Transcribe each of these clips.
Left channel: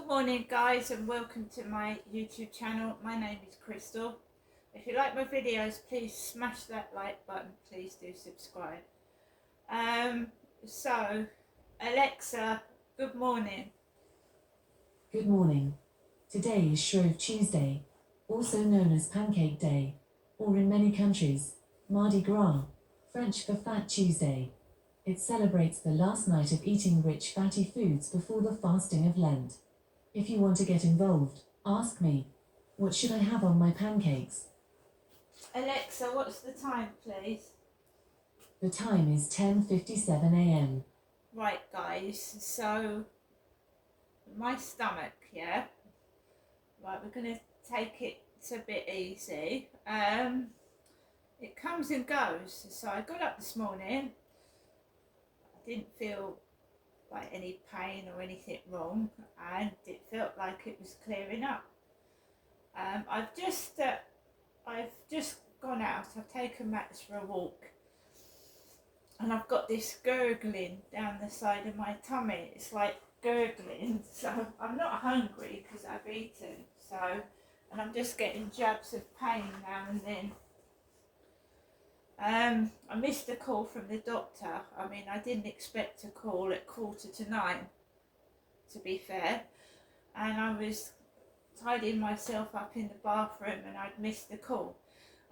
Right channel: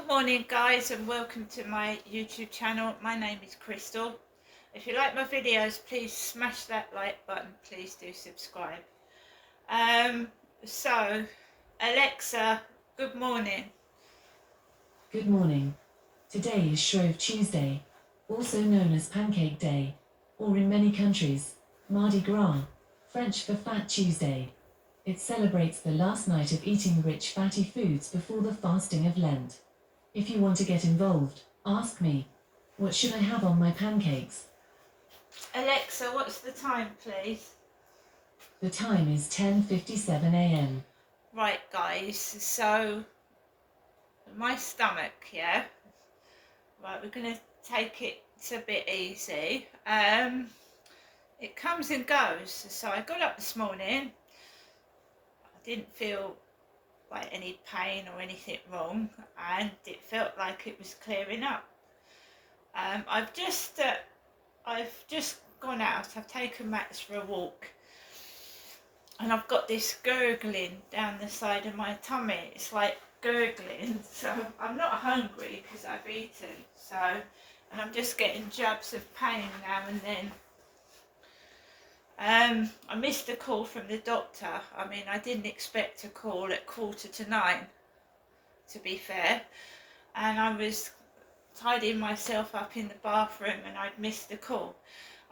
Good morning guys and welcome to my YouTube channel. My name is Crystal. If you like my videos, please smash that like button. Please do subscribe. So Alexa, good morning. Good morning. Today is Shrove Tuesday, also known as Pancake Day, or in many countries, Mardi Gras, French for Fat Tuesday. It celebrates the last night of eating rich fatty foods before the fasting of Lent. If you want to get involved, ask me. What should I have on my pancakes? Alexa, what's the time please? The time is 10:57 a.m. Right guys, so my stomach, yeah? Right, we're going to take it a bit easy. It comes and goes. So I got up this morning. I didn't feel like any pain or anything wrong, and it felt like it was clearing up. I've just gone out. I've taken Max for a walk, and I've got this gurgling down the side of my tummy. It's like gurgling, so I'm not hungry because I've eaten. So, and I'm just getting jabs of pain now and then. I missed a call from the doctor. I mean, I didn't expect a call at 8:45, to be fair, and I was tidying myself up in the bathroom and I'd missed the call.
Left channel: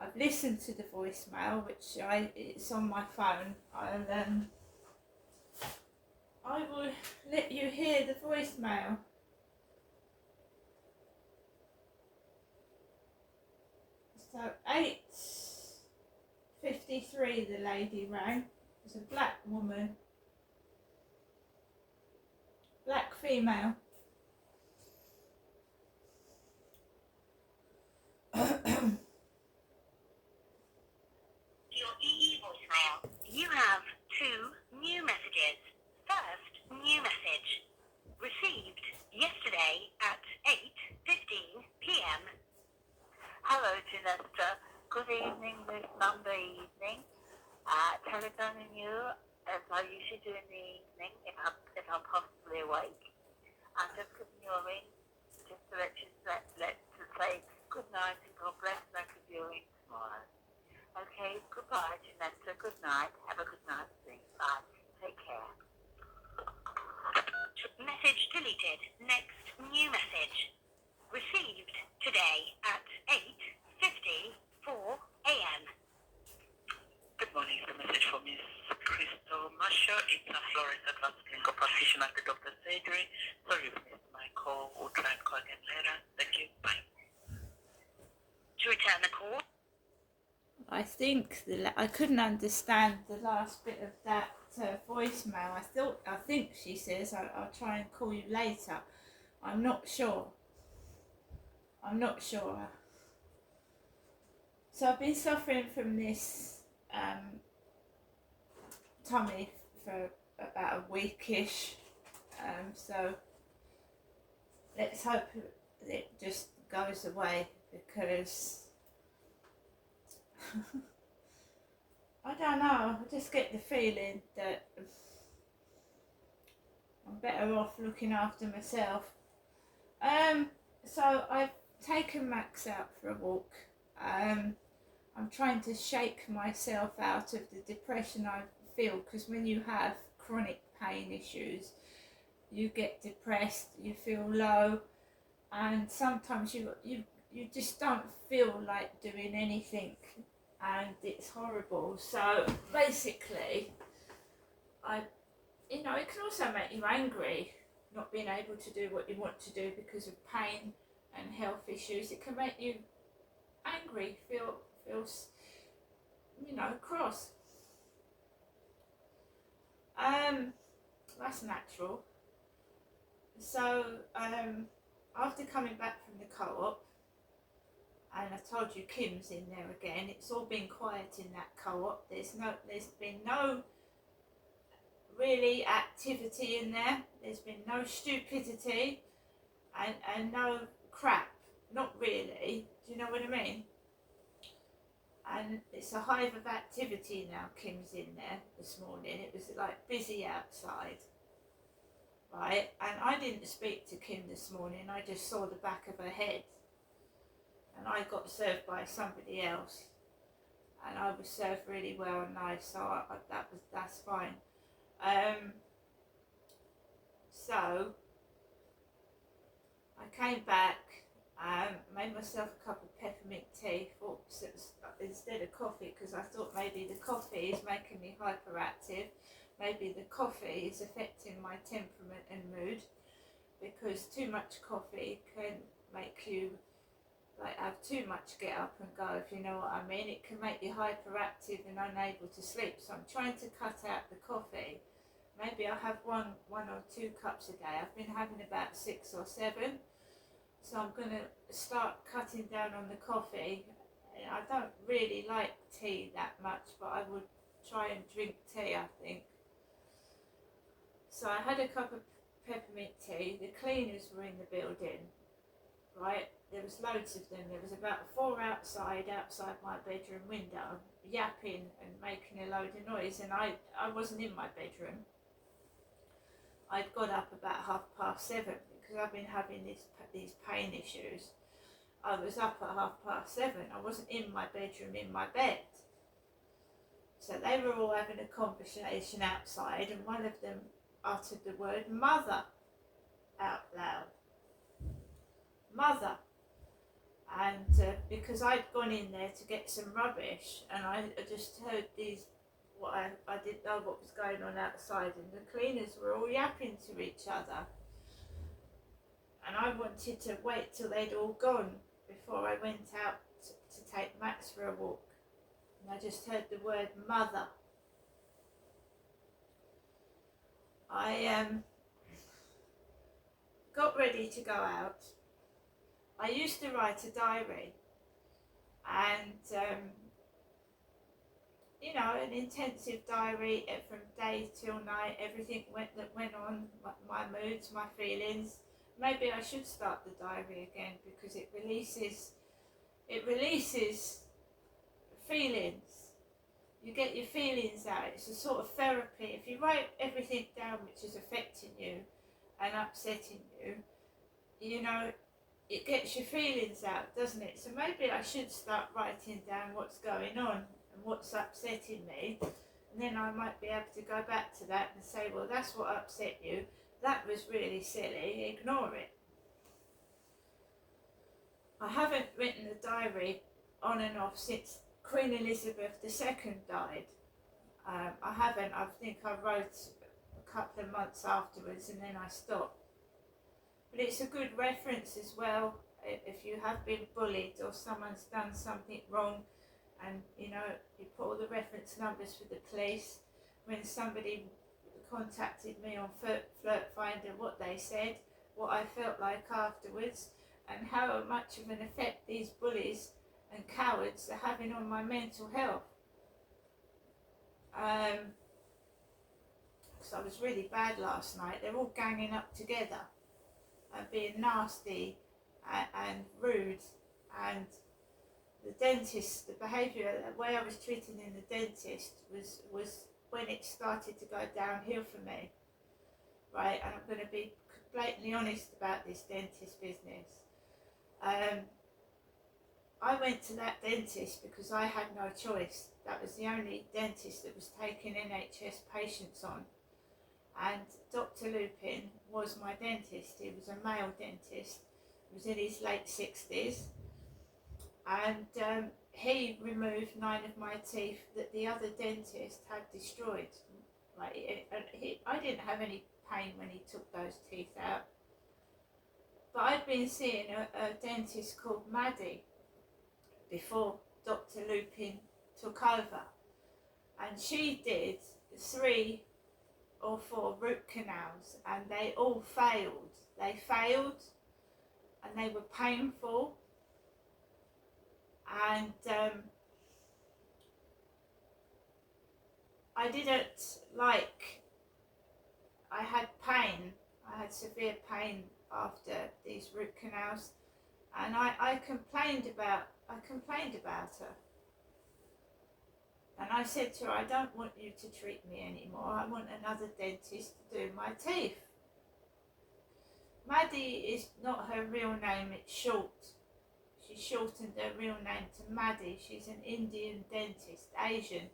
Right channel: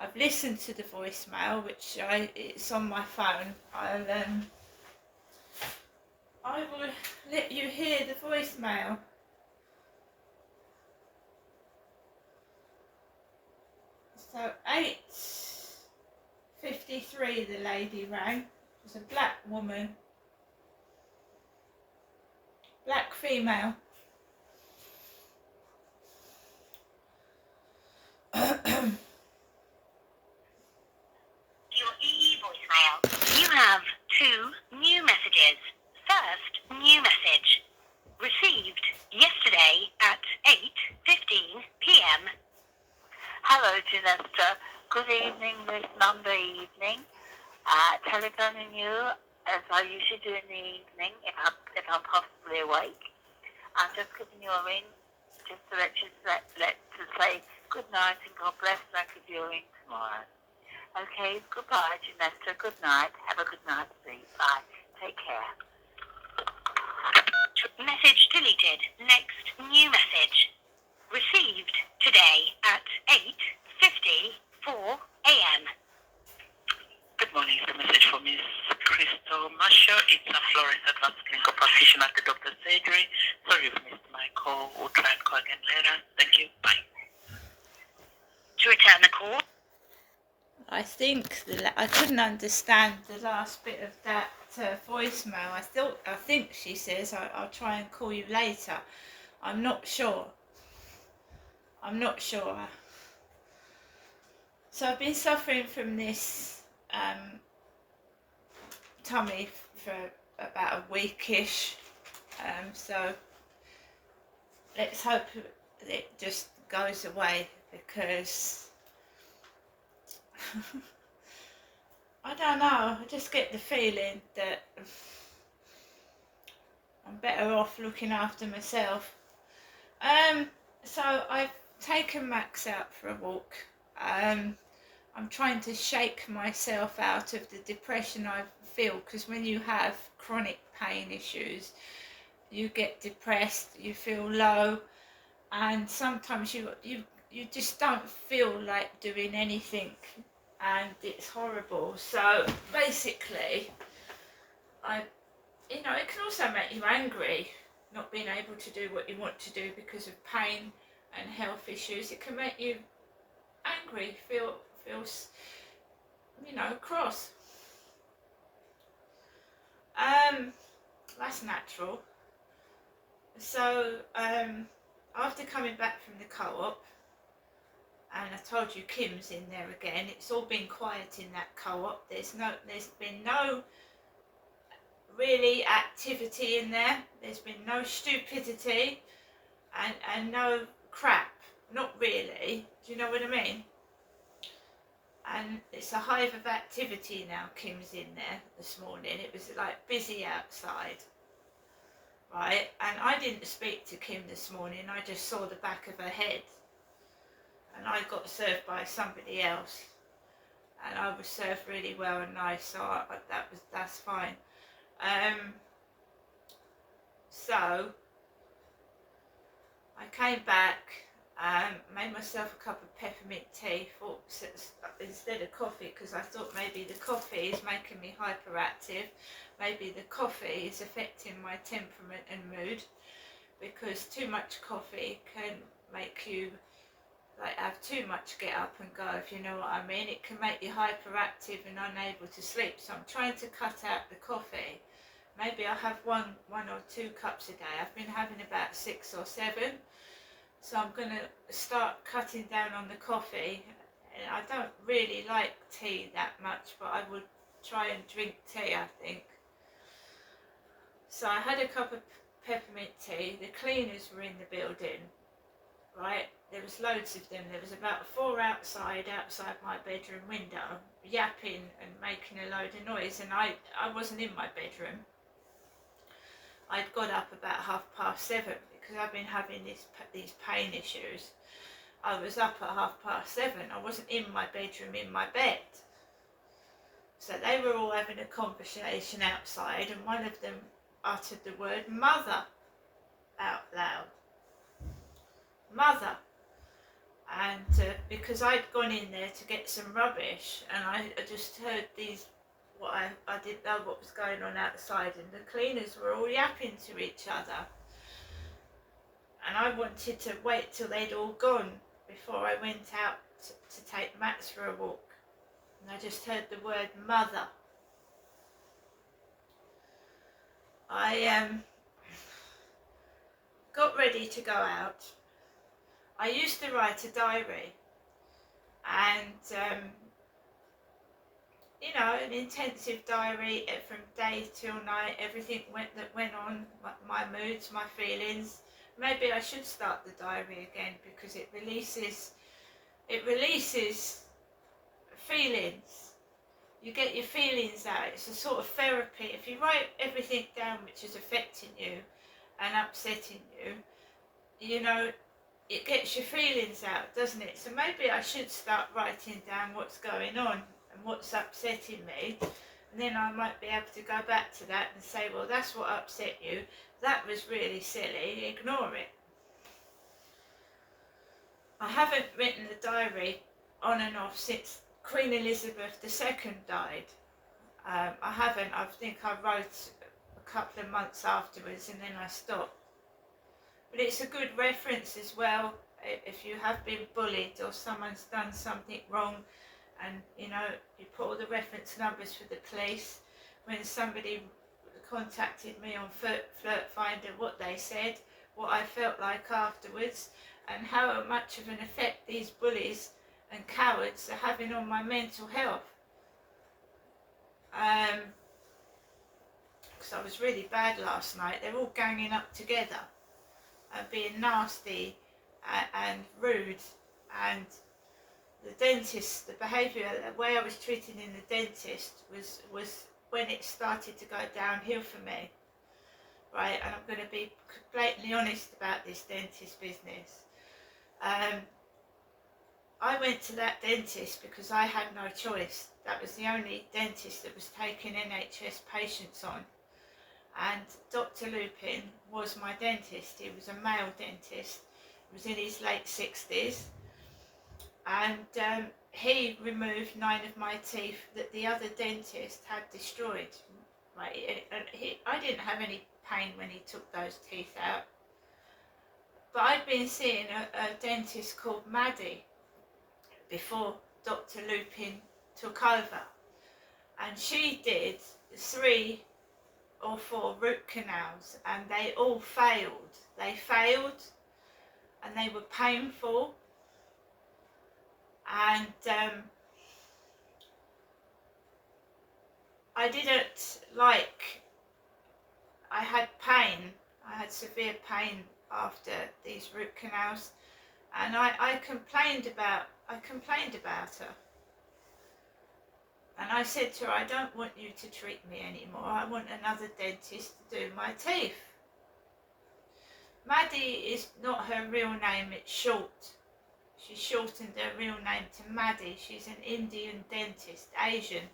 I've listened to the voicemail, which it's on my phone. I will let you hear the voicemail. So 8:53 the lady rang. It was a black woman, black female. Your EE voicemail. You have 2 new messages. First new message. Received yesterday at 8:15 p.m. Hello, Janessa. Good evening, this Monday evening. Telephoning you as I usually do in the evening if I'm possibly awake. I'm just giving you a ring just to let you to say good night and God bless, like if you're in tomorrow. Okay, goodbye, Janessa. Good night. Have a good night's sleep. Bye. Take care. Message deleted. Next new message. Received today at 8:54 a.m. Good morning. It's a message for Miss Crystal Marshall. It's a Florence Advanced Clinical Practitioner at the doctor's surgery. Sorry you've missed my call. We'll try and call again later. Thank you. Bye. To return the call, I think I couldn't understand the last bit of that voicemail. I think she says I'll try and call you later. I'm not sure. So I've been suffering from this tummy for about a weekish. So let's hope it just goes away, because I don't know, I just get the feeling that I'm better off looking after myself. So I've taken Max out for a walk. I'm trying to shake myself out of the depression I feel, because when you have chronic pain issues, you get depressed, you feel low, and sometimes you just don't feel like doing anything, and it's horrible. So basically, it can also make you angry, not being able to do what you want to do because of pain and health issues. It can make you angry, feel cross. That's natural. So after coming back from the co-op, and I told you Kim's in there again, it's all been quiet in that co-op. There's been no really activity in there. There's been no stupidity and no crap. Not really. Do you know what I mean? And it's a hive of activity now. Kim's in there this morning. It was like busy outside. right? And I didn't speak to Kim this morning, I just saw the back of her head. And I got served by somebody else. And I was served really well and nice, so that's fine. So I came back, made myself a cup of peppermint tea, thought instead of coffee, because I thought maybe the coffee is making me hyperactive, maybe the coffee is affecting my temperament and mood, because too much coffee can make you like have too much get up and go, if you know what I mean. It can make you hyperactive and unable to sleep, so I'm trying to cut out the coffee. Maybe I'll have one or two cups a day. I've been having about 6 or 7, so I'm going to start cutting down on the coffee. And I don't really like tea that much, but I would try and drink tea, I think. So I had a cup of peppermint tea. The cleaners were in the building, right? There was loads of them. There was about 4 outside my bedroom window, yapping and making a load of noise, and I wasn't in my bedroom. I'd got up about 7:30 because I've been having these pain issues. I was up at 7:30. I wasn't in my bedroom, in my bed. So they were all having a conversation outside, and one of them uttered the word mother out loud. Mother. And because I'd gone in there to get some rubbish, and I just heard these, I didn't know what was going on outside, and the cleaners were all yapping to each other. And I wanted to wait till they'd all gone before I went out to take Max for a walk. And I just heard the word mother. I got ready to go out. I used to write a diary, and you know, an intensive diary from day till night, everything that went on, my moods, my feelings. Maybe I should start the diary again, because it releases feelings. You get your feelings out. It's a sort of therapy. If you write everything down which is affecting you and upsetting you, you know, it gets your feelings out, doesn't it? So maybe I should start writing down what's going on and what's upsetting me, and then I might be able to go back to that and say, well, that's what upset you, that was really silly, ignore it. I haven't written a diary on and off since Queen Elizabeth II died. I think I wrote a couple of months afterwards, and then I stopped. But it's a good reference as well if you have been bullied or someone's done something wrong, and you know, you put all the reference numbers for the police. When somebody contacted me on Flirt Finder, what they said, what I felt like afterwards, and how much of an effect these bullies and cowards are having on my mental health. Because I was really bad last night. They're all ganging up together and being nasty and rude, and the dentist, the behaviour, the way I was treated in the dentist was when it started to go downhill for me, right? And I'm going to be blatantly honest about this dentist business. I went to that dentist because I had no choice. That was the only dentist that was taking NHS patients on. And Dr. Lupin was my dentist. He was a male dentist. He was in his late 60s. And he removed 9 of my teeth that the other dentist had destroyed. Right? I didn't have any pain when he took those teeth out. But I'd been seeing a dentist called Maddie before Dr. Lupin took over. And she did 3 or 4 root canals, and they all failed. They failed, and they were painful, and I didn't like, I had pain, I had severe pain after these root canals, and I complained about her. And I said to her, I don't want you to treat me anymore. I want another dentist to do my teeth. Maddie is not her real name, it's short. She shortened her real name to Maddie. She's an Indian dentist, Asian.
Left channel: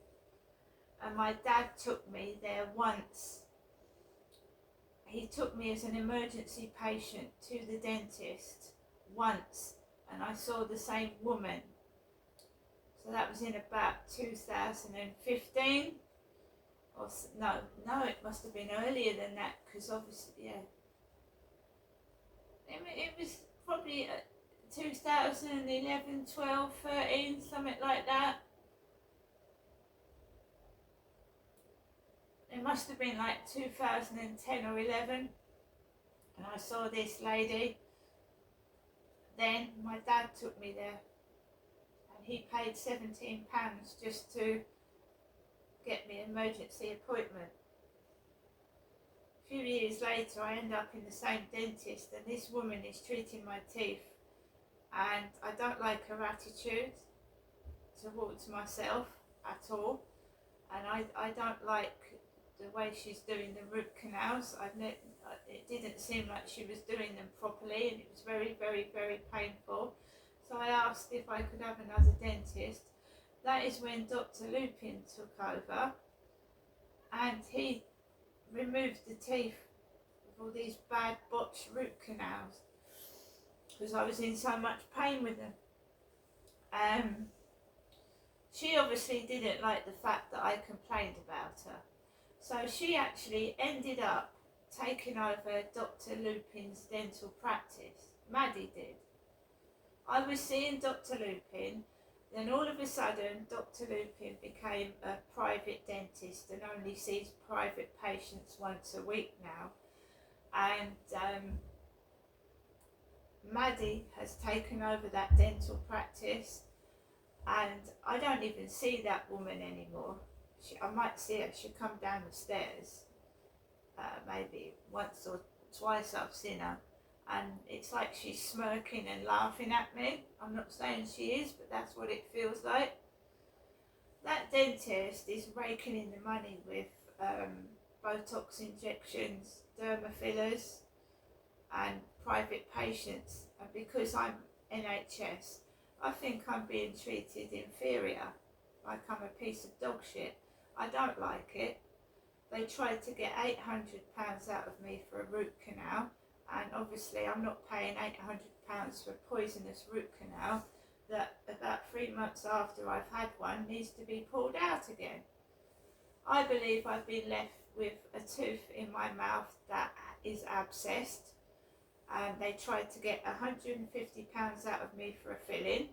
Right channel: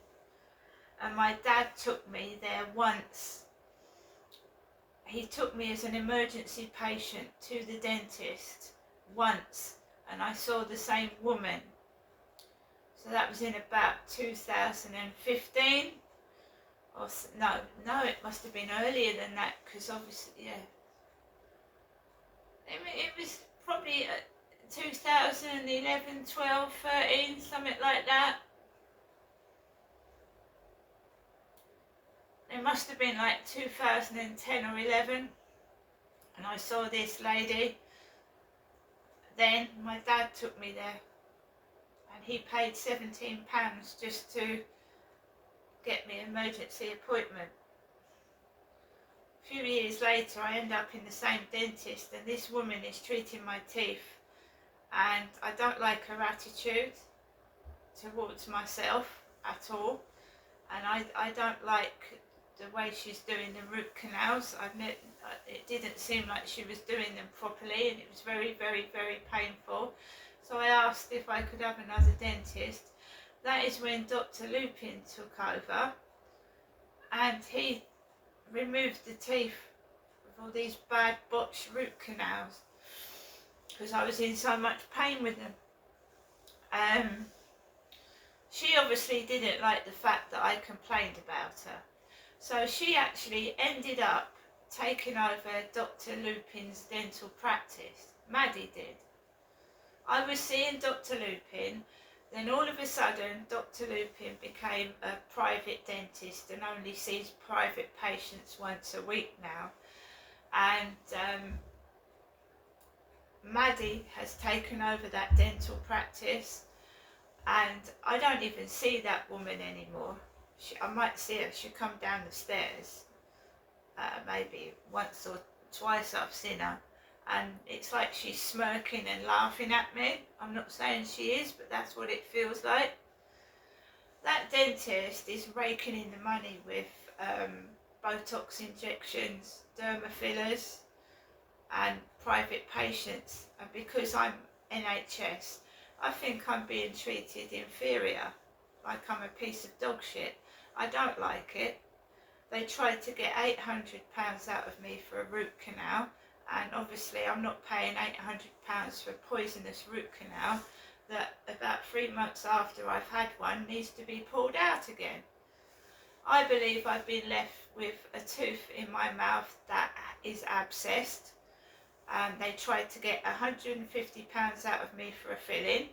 And my dad took me there once. He took me as an emergency patient to the dentist once, and I saw the same woman. So that was in about 2015. Or no, it must have been earlier than that, because obviously, yeah. It was probably 2011, 12, 13, something like that. It must have been like 2010 or 11, and I saw this lady. Then my dad took me there, and he paid £17 just to get me an emergency appointment. A few years later I end up in the same dentist, and this woman is treating my teeth, and I don't like her attitude towards myself at all, and I don't like the way she's doing the root canals. It didn't seem like she was doing them properly, and it was very, very, very painful. So I asked if I could have another dentist. That is when Dr. Lupin took over, and he removed the teeth of all these bad botched root canals, because I was in so much pain with them. She obviously didn't like the fact that I complained about her. So she actually ended up taking over Dr. Lupin's dental practice. Maddie did. I was seeing Dr. Lupin, then all of a sudden Dr. Lupin became a private dentist and only sees private patients once a week now. And Maddie has taken over that dental practice, and I don't even see that woman anymore. I might see her, she'll come down the stairs, maybe once or twice I've seen her, and it's like she's smirking and laughing at me. I'm not saying she is, but that's what it feels like. That dentist is raking in the money with Botox injections, derma fillers and private patients, and because I'm NHS, I think I'm being treated inferior, like I'm a piece of dog shit. I don't like it. They tried to get £800 out of me for a root canal, and obviously I'm not paying £800 for a poisonous root canal that about 3 months after I've had one needs to be pulled out again. I believe I've been left with a tooth in my mouth that is abscessed, and they tried to get £150 out of me for a filling.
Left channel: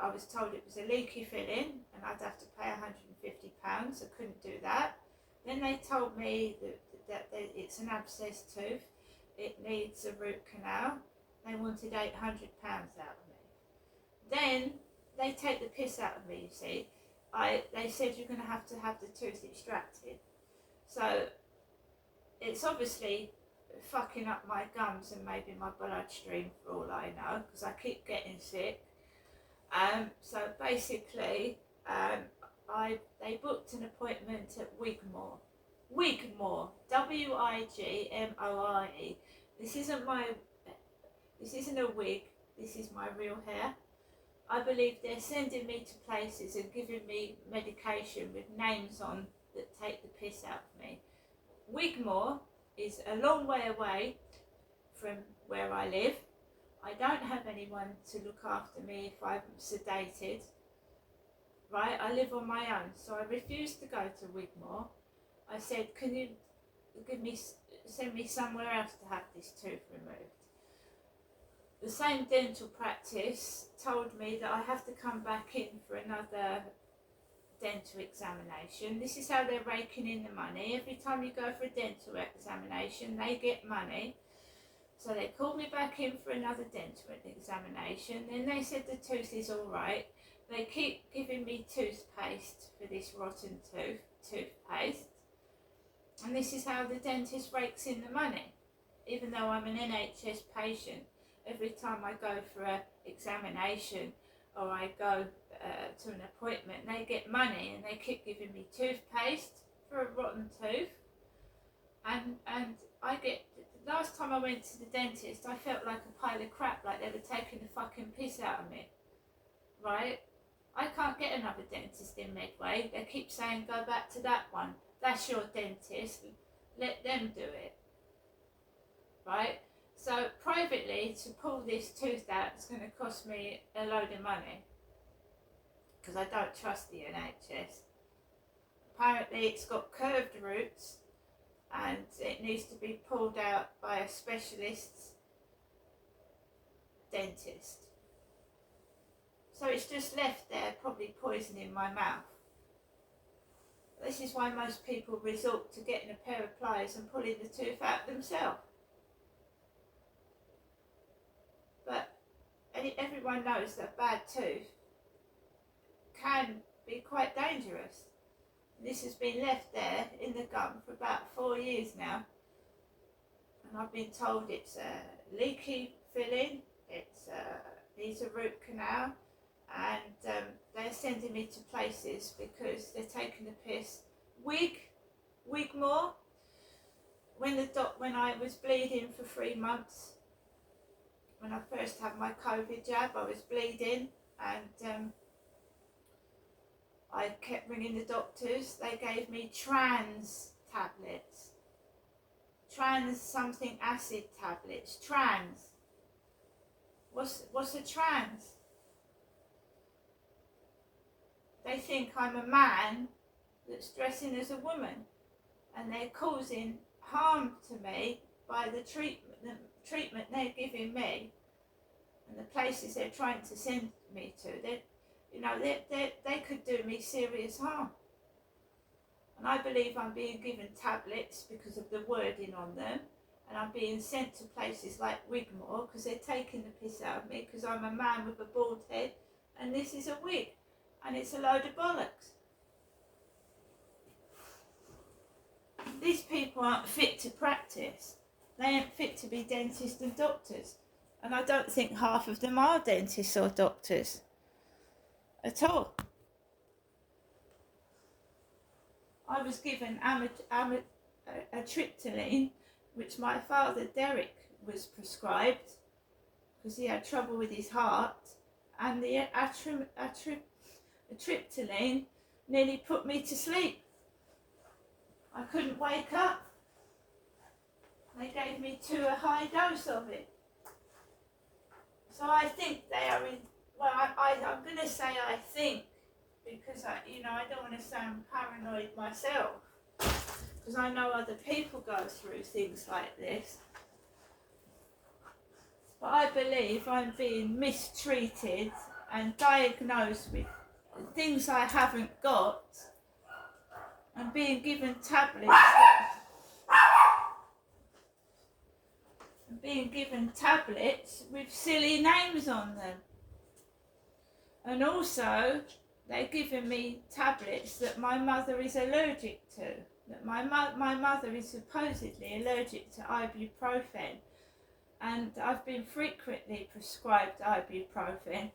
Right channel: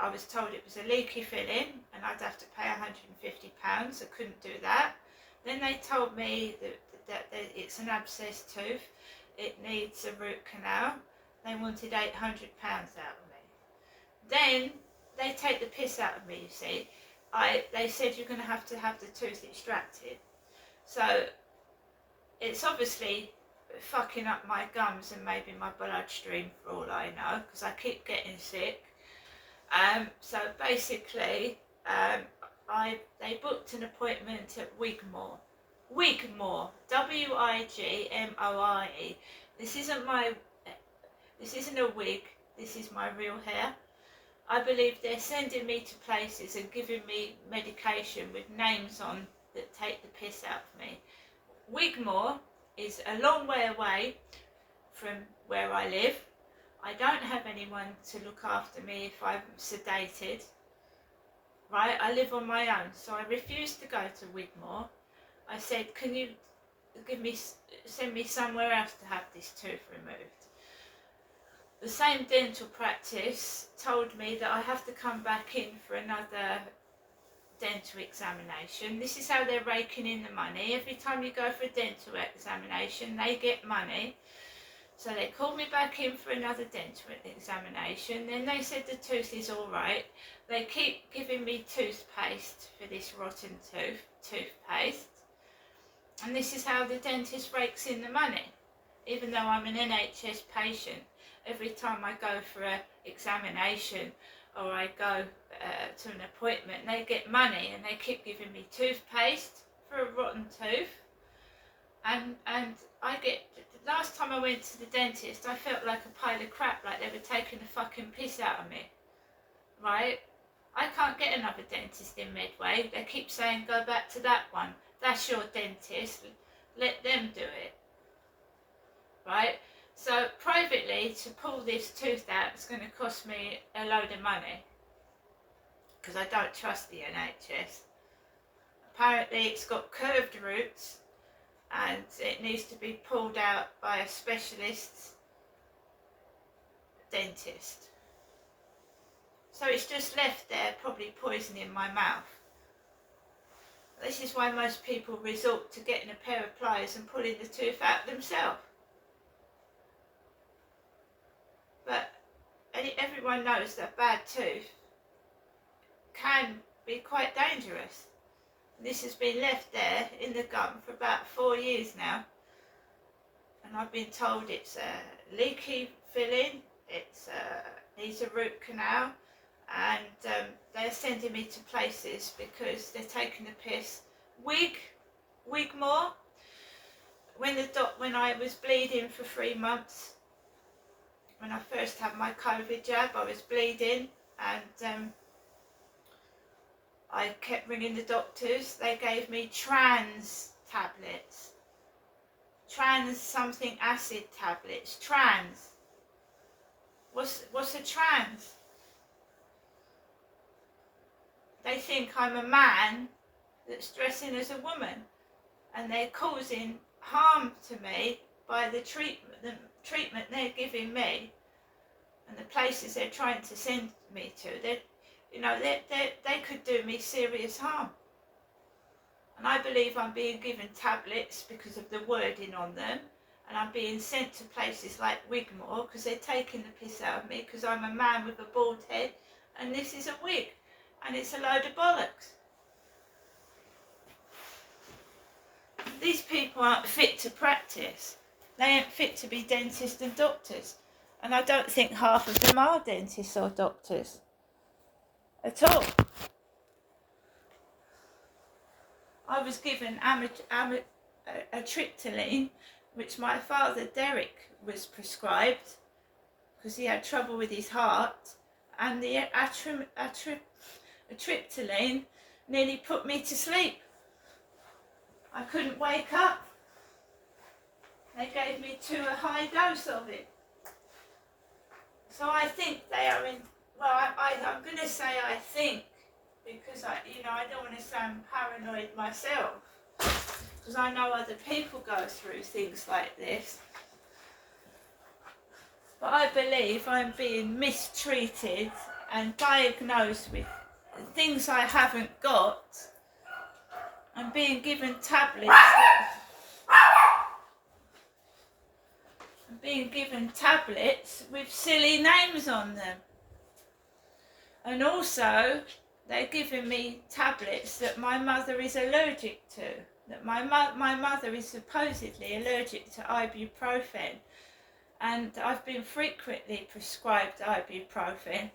I was told it was a leaky filling and I'd have to pay £150. I couldn't do that. Then they told me that it's an abscessed tooth, it needs a root canal. They wanted £800 out of me. Then they take the piss out of me, you see. They said you're going to have the tooth extracted. So it's obviously fucking up my gums and maybe my bloodstream for all I know, because I keep getting sick. So basically, they booked an appointment at Wigmore. Wigmore, W-I-G-M-O-R-E. This isn't a wig, this is my real hair. I believe they're sending me to places and giving me medication with names on that take the piss out of me. Wigmore is a long way away from where I live. I don't have anyone to look after me if I'm sedated, right? I live on my own, so I refused to go to Wigmore. I said, can you send me somewhere else to have this tooth removed? The same dental practice told me that I have to come back in for another dental examination. This is how they're raking in the money. Every time you go for a dental examination, they get money. So they called me back in for another dental examination. Then they said the tooth is all right. They keep giving me toothpaste for this rotten toothpaste. And this is how the dentist rakes in the money. Even though I'm an NHS patient, every time I go for an examination or I go to an appointment, they get money, and they keep giving me toothpaste for a rotten tooth. And I get last time I went to the dentist, I felt like a pile of crap, like they were taking the fucking piss out of me. Right? I can't get another dentist in Medway. They keep saying go back to that one. That's your dentist. Let them do it. Right? So privately, to pull this tooth out, it's going to cost me a load of money. Because I don't trust the NHS. Apparently it's got curved roots and it needs to be pulled out by a specialist dentist. So it's just left there, probably poisoning my mouth. This is why most people resort to getting a pair of pliers and pulling the tooth out themselves. But everyone knows that a bad tooth can be quite dangerous. This has been left there in the gum for about 4 years now. And I've been told it's a leaky filling, it needs a root canal, and they're sending me to places because they're taking the piss. Wigmore, when I was bleeding for 3 months, when I first had my COVID jab, I was bleeding, and I kept ringing the doctors. They gave me trans tablets. Trans something acid tablets. Trans. What's a trans? They think I'm a man that's dressing as a woman, and they're causing harm to me by the treatment they're giving me and the places they're trying to send me to. They could do me serious harm. And I believe I'm being given tablets because of the wording on them, and I'm being sent to places like Wigmore because they're taking the piss out of me because I'm a man with a bald head and this is a wig, and it's a load of bollocks. These people aren't fit to practice. They ain't fit to be dentists and doctors, and I don't think half of them are dentists or doctors at all. I was given amitriptyline, which my father Derek was prescribed because he had trouble with his heart, and the amitriptyline nearly put me to sleep. I couldn't wake up. They gave me a high dose of it. So I think they are in, well, I'm going to say I think, because I don't want to sound paranoid myself, because I know other people go through things like this. But I believe I'm being mistreated and diagnosed with things I haven't got. I'm being given tablets. I'm being given tablets with silly names on them. And also, they're giving me tablets that my mother is allergic to. That my mother is supposedly allergic to ibuprofen. And I've been frequently prescribed ibuprofen.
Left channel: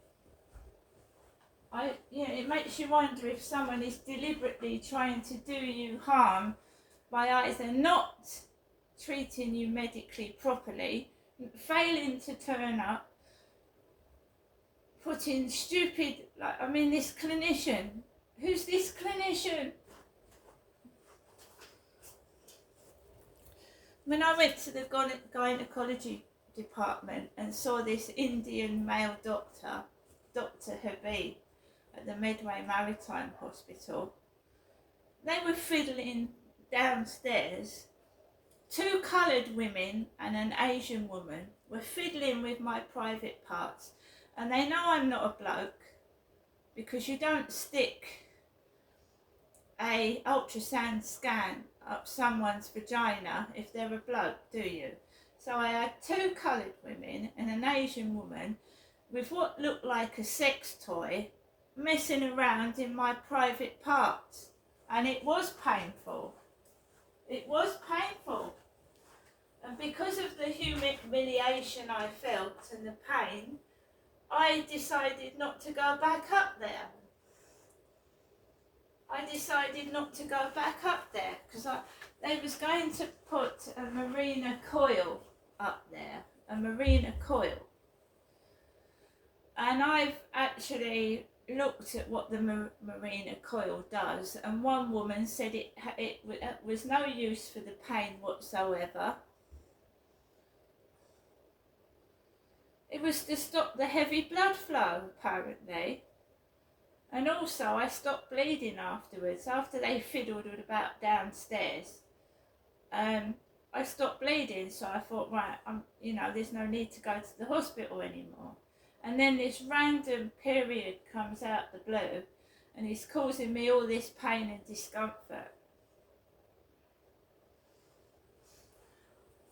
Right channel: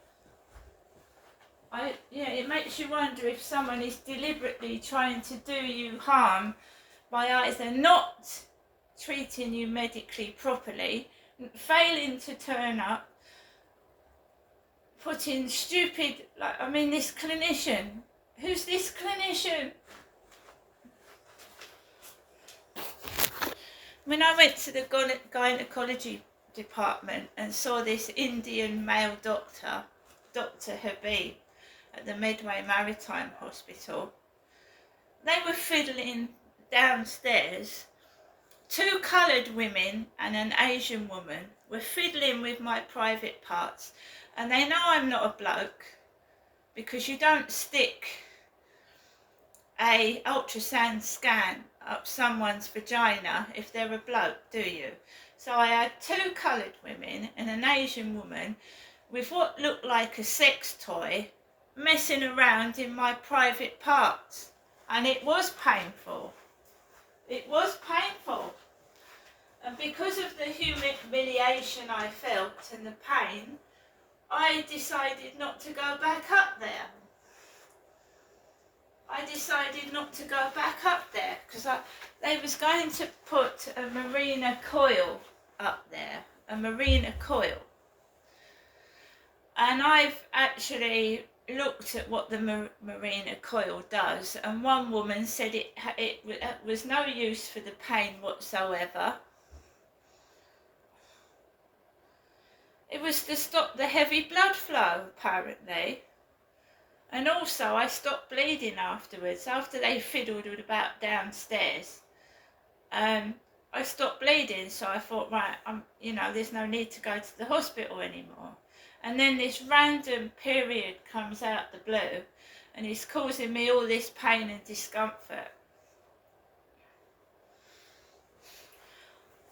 It makes you wonder if someone is deliberately trying to do you harm by either not treating you medically properly, failing to turn up, putting stupid, this clinician. Who's this clinician? When I went to the gynecology department and saw this Indian male doctor, Dr. Habib, at the Medway Maritime Hospital, they were fiddling downstairs. 2 coloured women and an Asian woman were fiddling with my private parts, and they know I'm not a bloke because you don't stick a ultrasound scan up someone's vagina if they're a bloke, do you? So I had 2 coloured women and an Asian woman with what looked like a sex toy messing around in my private parts, and it was painful. It was painful. And because of the humiliation I felt and the pain, I decided not to go back up there. I decided not to go back up there because they was going to put a Marina coil up there, a Marina Coil. And I've actually looked at what the Marina Coil does, and one woman said it was no use for the pain whatsoever. It was to stop the heavy blood flow, apparently. And also I stopped bleeding afterwards. After they fiddled about downstairs, I stopped bleeding, so I thought, right, there's no need to go to the hospital anymore. And then this random period comes out the blue, and it's causing me all this pain and discomfort.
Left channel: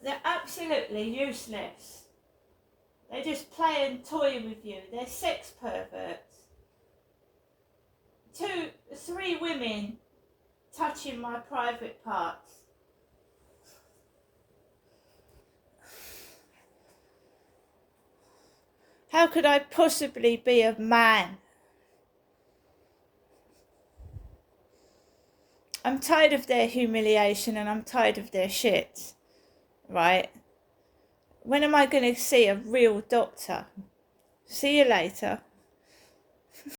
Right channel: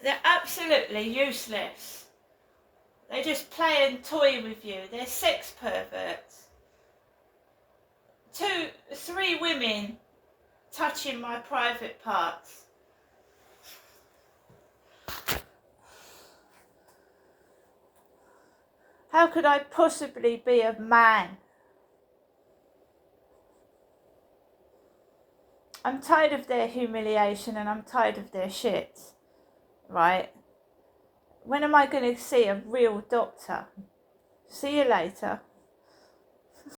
They're absolutely useless. They just play and toy with you. They're sex perverts. 3 women touching my private parts. How could I possibly be a man? I'm tired of their humiliation and I'm tired of their shit, right? When am I going to see a real doctor? See you later.